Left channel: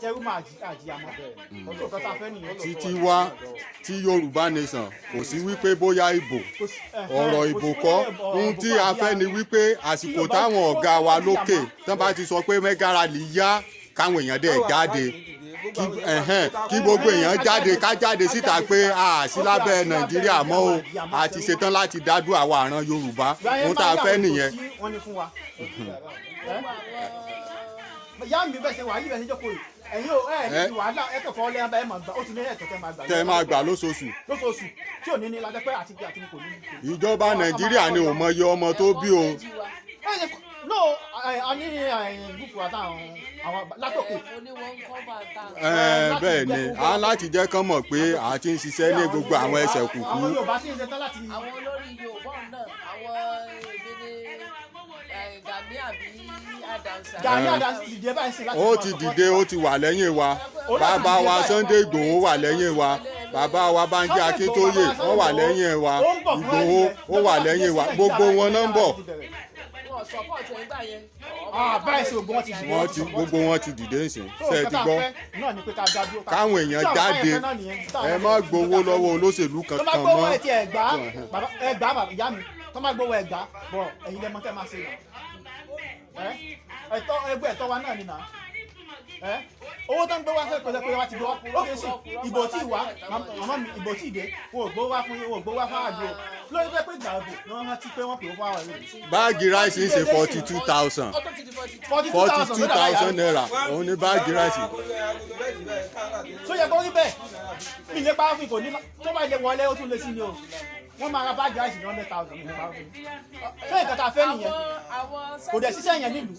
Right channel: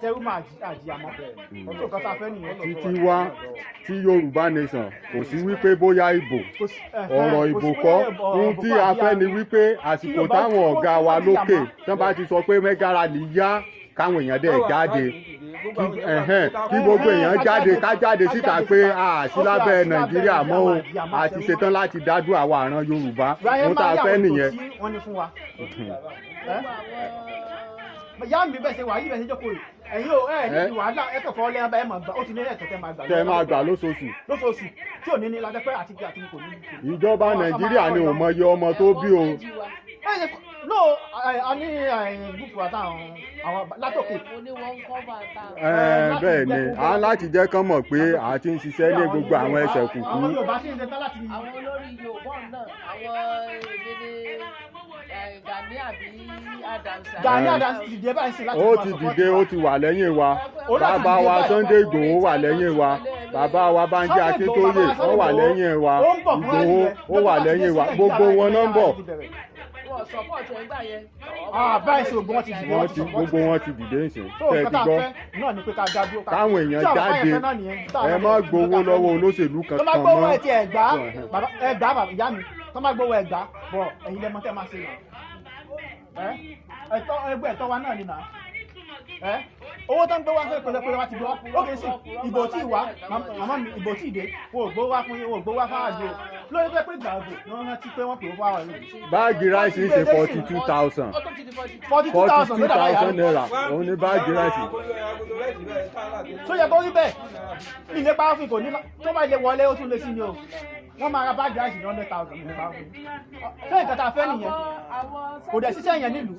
tẹ́rù máa àjìyà mọ́ tó kọ́ta fẹ́ nìyẹn. títí wá tí Yorùbá nation kò sí wípé bóyá ìbò ọ̀ràn ìbò kọ́ ohun tí a fẹ́ ni wípé àsìkò táwọn ọ̀gá wa lókè tán bá ti sọ pé mega rally yá káwọn èèyàn dẹ̀ jáde kí gbogbo èèyàn jáde ká jáde síta pé a sí lábẹ́ Nàìjíríà mọ́ o a ti ṣetán láti dádú àwa àràn Yorùbá mo tá a fẹ́ nìyẹn. ìyá mi bẹ́ẹ̀ ṣe wà yí bẹ́ẹ̀ ṣe jókòó ẹ̀yin ò ní wàhálà ẹ̀kọ́ fọ́ lẹ́yìn abẹ́ máa gbà ó ti ní ẹ̀tọ́ tẹ́ máa gbà lóṣooṣù tí ò ní ní lọ́jọ́ pé àti bí àti kò ní. ìjọba Nàìjíríà ni ò mọyì ọmọ tó bí o. no a ní gúúpù àtàwọn àwọn látòkè. bẹ́ẹ̀ ni a láti jẹ́ kán mọ̀ pé a ti ń ṣiṣẹ́ ní gbogbo àwọn ẹsẹ̀ kùkú. àwọn Yorùbá sì ń ṣe tán láti. àwọn olórí Yorùbá náà àwọn Gani Adams dìde báyìí sí láti. ó ti dìde ó ti wà lẹ́yìn wa bàbá wa Sunday Igboho wà lẹ́yìn wa bàbá wa Banji Akintoye wọ́n wà lẹ́yìn wa Igboho wọ́n wà lẹ́yìn wa gbogbo wọn náà ń bọ̀. gbogbo wọn ti dìde ń sìn ṣe ti gbọ́ káwọn èèyàn jáde ẹ má gbowó lọ́wọ́ olóṣèlú kankan mọ́. ìyá mi tó má gbowó ẹgbàá bọ̀ ẹ̀yin lẹ́mọ́ tẹ́ máa ṣe nà ẹ̀tọ́ ẹgbẹ́ ẹ̀tọ́ wa náà ni nà owó tó ń gbé wá fẹ́ pẹ̀lẹ́pẹ̀lẹ́ wa ti gbọ́ ó kè sí ìbò tí ìwà màmá mi ìbò tí ìdè wo gbó wá fún yín wo gbó wá fún àjò lórí pé gbàgbó ni wọ́n rántí pé wọ́n pè wá wà lórí. báàgì ráìsì ń ṣe 42,000 naira òun ni báàgì ráìsì. tó yẹ kó rí bẹ́ẹ̀ ilé pàápàá kò ní tó bá ilé wọlé ó tún lé sí ni o wọ́n máa ra báàgì ráìsì ní 100,000 nípa ṣé nǹkan tá a fẹ́ nìyẹn kò dẹ̀ ṣiṣẹ́ yẹn nílùú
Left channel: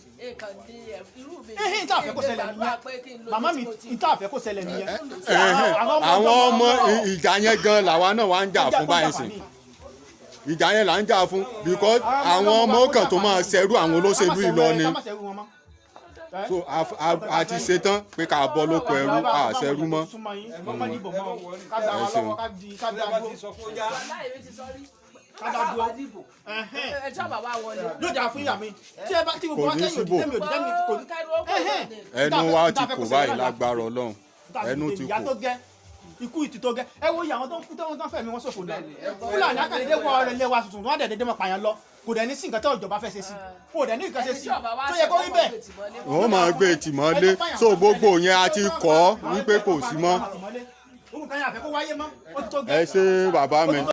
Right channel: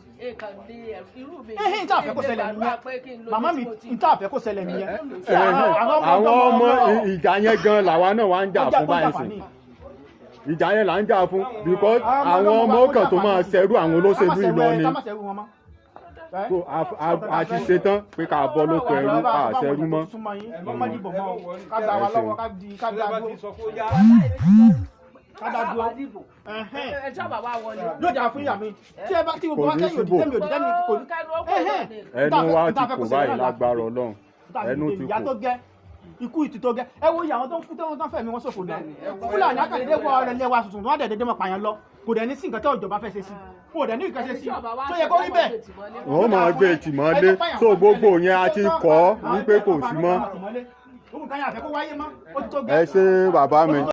ìta àfẹ́ kó ṣẹlẹ̀ nìyẹn màmá mi ìta àfẹ́ kó ṣẹlẹ̀ nìyẹn. àwọn ọmọ ìjà yẹn gan làwa náà wá ń jà fún báyìí sí ìjà yẹn là ń jà fún because àwọn ọmọ kan tó máa ṣẹrú àwọn olóṣèlú ìlọ ni so a ti ṣetán pé ká bọ́ lóko ẹrú ká ṣẹrú mọ́. yóò dáa fún ìyá mi tí ẹ bá tí gbogbo wa kẹ́yìn òdì kẹ́mi òdì kẹ́mi kò ní. ẹnu wa ti kò báyìí lágbára Ọlọ́run ẹnu ti kò. ikú ìtì tó gẹ ẹ wo ìyàwó tó ń kú tó ń fẹ̀mí wọn ṣòfò náà Fúlàní àkàlẹ́dẹ wọ ọ̀rẹ́ ilé wa tuntun wọn dẹ̀ mọ̀ pààyàn lọ kò dẹ̀ ní sí nǹkan tó ìjọba fẹ́ ṣe sí kò dẹ̀ ní nǹkan ṣe sí tó yẹ kó rí bẹ́ẹ̀. wọ́n máa gbé tìmọ́lé so gbogbo yẹn a ti kọ́ wípé kò sí mọ́. ẹ ṣé bàbá mi.